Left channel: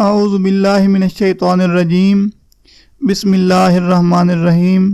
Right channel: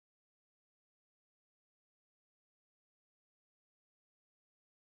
औज़ु बिल्लाहि मिनश शैतानिर रजीम। बिस्मिल्लाहिर रहमानिर रहीम।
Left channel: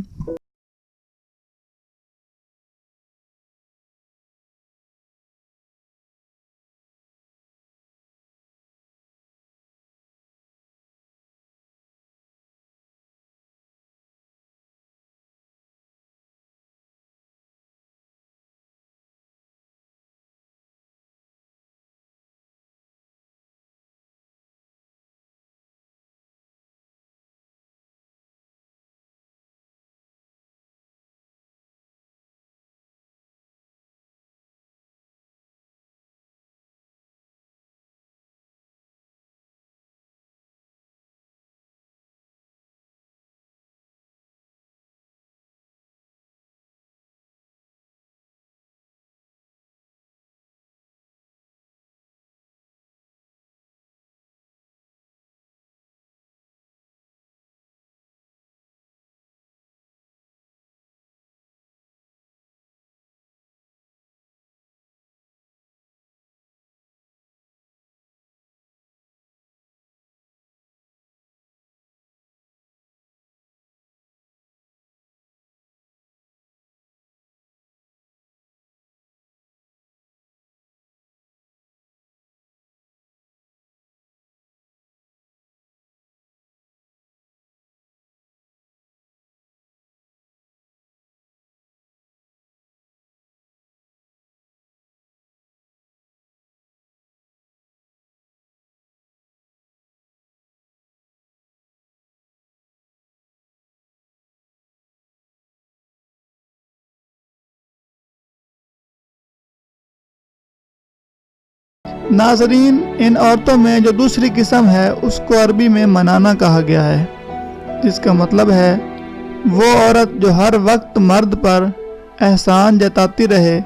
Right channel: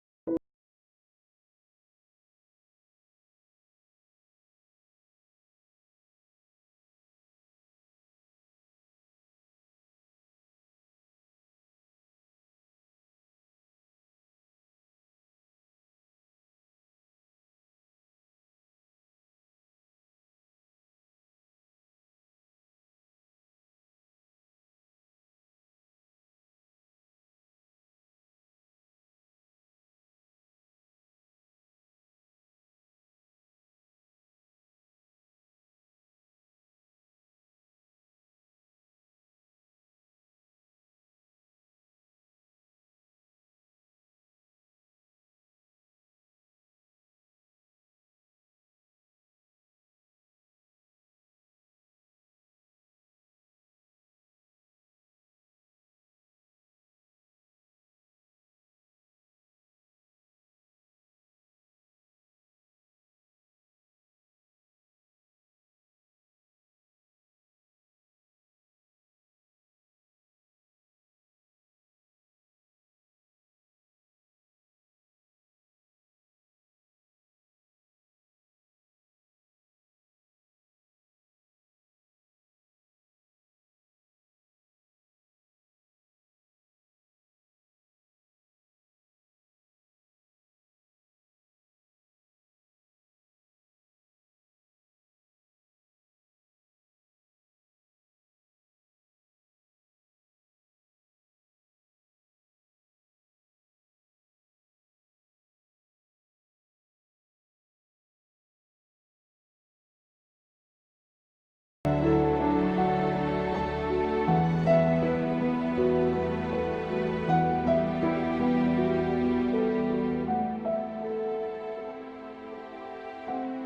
नाज़रीन, इन औरतों में जो दूसरी किस्म है उसको अरबी में मनाना कहा गया है, जिसका मतलब है वो औरत जो हर वक्त मर्द पर एहसान जताती रहे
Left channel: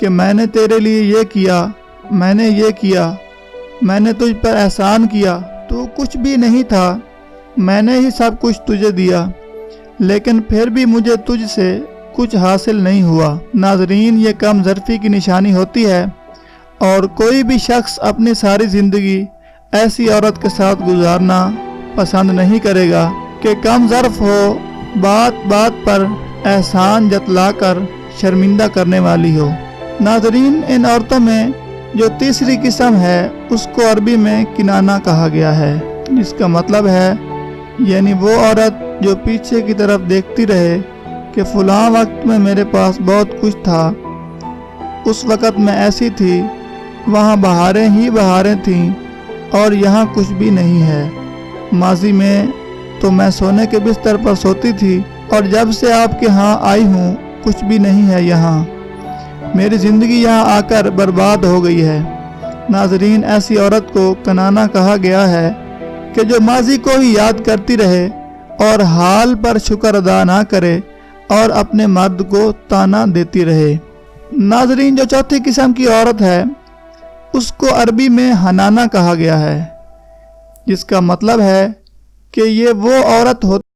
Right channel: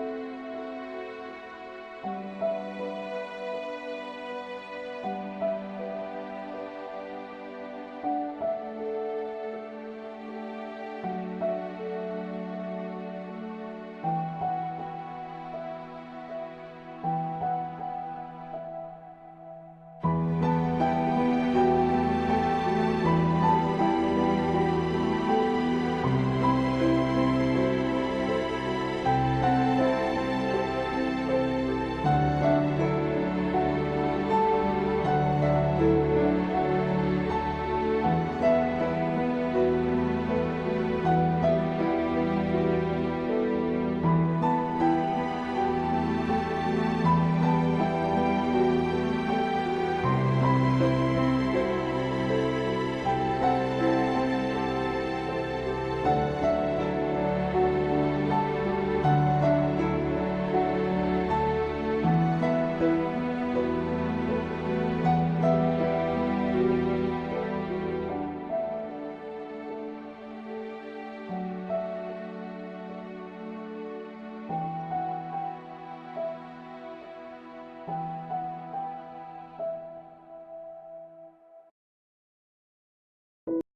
कि मैंने तेरे लिए ये किया, मैंने ये किया, मैंने तुझ पर एहसान किया, तू कुछ भी नहीं था, मैंने ही सब कुछ तुझे दिया, लेकिन फिर भी मुझे तुझसे कुछ हासिल नहीं हुआ। नाज़रीन, ये कम ज़र्फ़ी की निशानी होती है और कोई भी शख्स अपनी सारी ज़िंदगी ऐसी औरत के साथ गुजारना पसंद नहीं करेगा कि कम ज़र्फ़ हो, बात बात पर एहसान जतलाकर शर्मिंदा करने वाली हो। नाज़रीन, इन औरतों में जो तीसरी किस्म है उसको अरबी में किनाना कहा गया है, जिसका मतलब है यानी वो औरत जो पीछे की तरफ देखती रहे कि फ़लाँ वक्त में मेरे पास बहुत कुछ था, उस वक़्त मैं ऐसी थी, वहाँ बहारें ही बहारें थीं और यहाँ कुछ भी नहीं है। माजी में तो मैं सोने के बिस्तर पर सोती थी और जब से आपके यहाँ आई हूँ कुछ भी नहीं है यहाँ। मेरी ज़िंदगी यहाँ आकर बर्बाद हो गई है। नाज़रीन, ऐसी औरत को कनाना कहा गया है कि जो माजी को ही याद करती रहे और हाल पर शुक्र अदा ना करे और अपने मर्द को ताना देती रहे। नाज़रीन, जो चौथी किस्म की औरत है उसको अरबी में हनाना कहा गया है, जिसका मतलब है कि ये वो औरत होती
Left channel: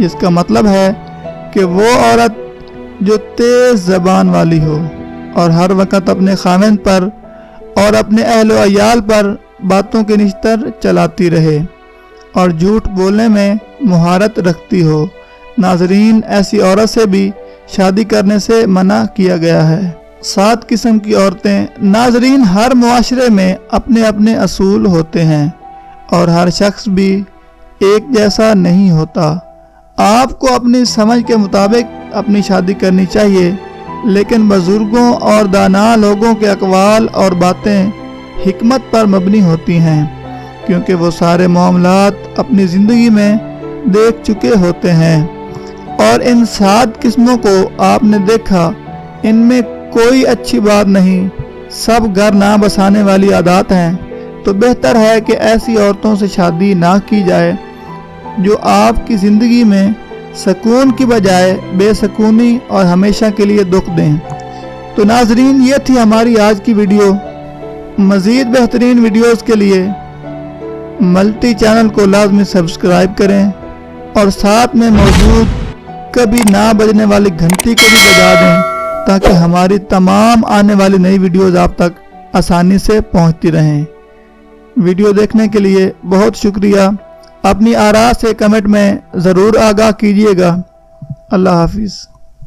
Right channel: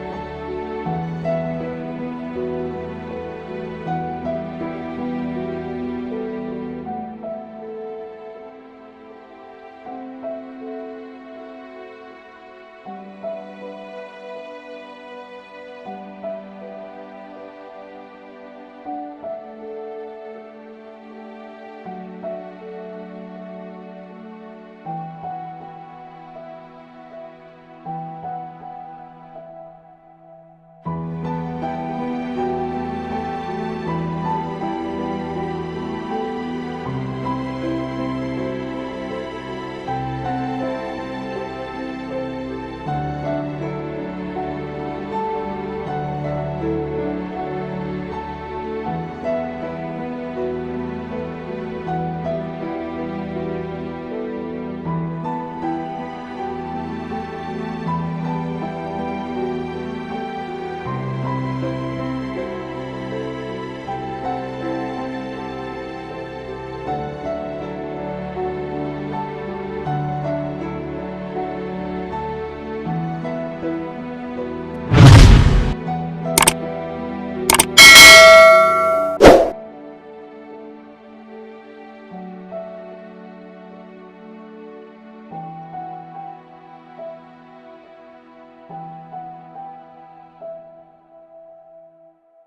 जिसका मतलब है कि वो औरत जो तेज ज़बान वाली हो और हर वक्त अपने खामिन पर और अपने अहल व अयाल पर बातों के निश्तर चलाती रहे और झूठ बोलने में मुहारत रखती हो। नाजरीन, ऐसी औरत से भी शादी करने से मना किया गया है। 7 किस्म की औरतें। नाजरीन, हर मुआशरे में अपने अपने असूल होते हैं और हर शख्स भी एक जैसा नहीं होता। आपको अपनी समझ के मुताबिक अपनी शादी करनी चाहिए, लेकिन बुजुर्गों और दाना लोगों के अक़वाल और बातें हिकमत पर मबनी होती हैं, क्योंकि वो सारे मामलात अपनी ज़िंदगी में देख चुके होते हैं। और इन 7 किस्मों को आपने देखा, इनमें कोई अच्छी बात नहीं, सब घर ना बसाने वाली आदत हैं। तो बेहतर है कि ऐसी औरतों से शादी ना की जाए जो आपकी ज़िंदगी में सुकून की बजाय बेसुकूनी और हमेशा के लिए दुख दें। तो नाजरीन, ये थी हमारी आज की वीडियो। मज़ीद बेहतरीन वीडियोस के लिए मल्टी चैनल को लाजमी सब्सक्राइब करें और साथ में मौजूद कभी ना बजने वाली घंटी को भी बजा दें, ताकि हमारी तमाम आने वाली नई वीडियोस आप तक आसानी से पहुंचती रहें। वीडियो देखने के लिए बहुत शुक्रिया। अपनी आरा से कमेंट में ज़रूर आगाह कीजिएगा। अल्लाह हाफिज़।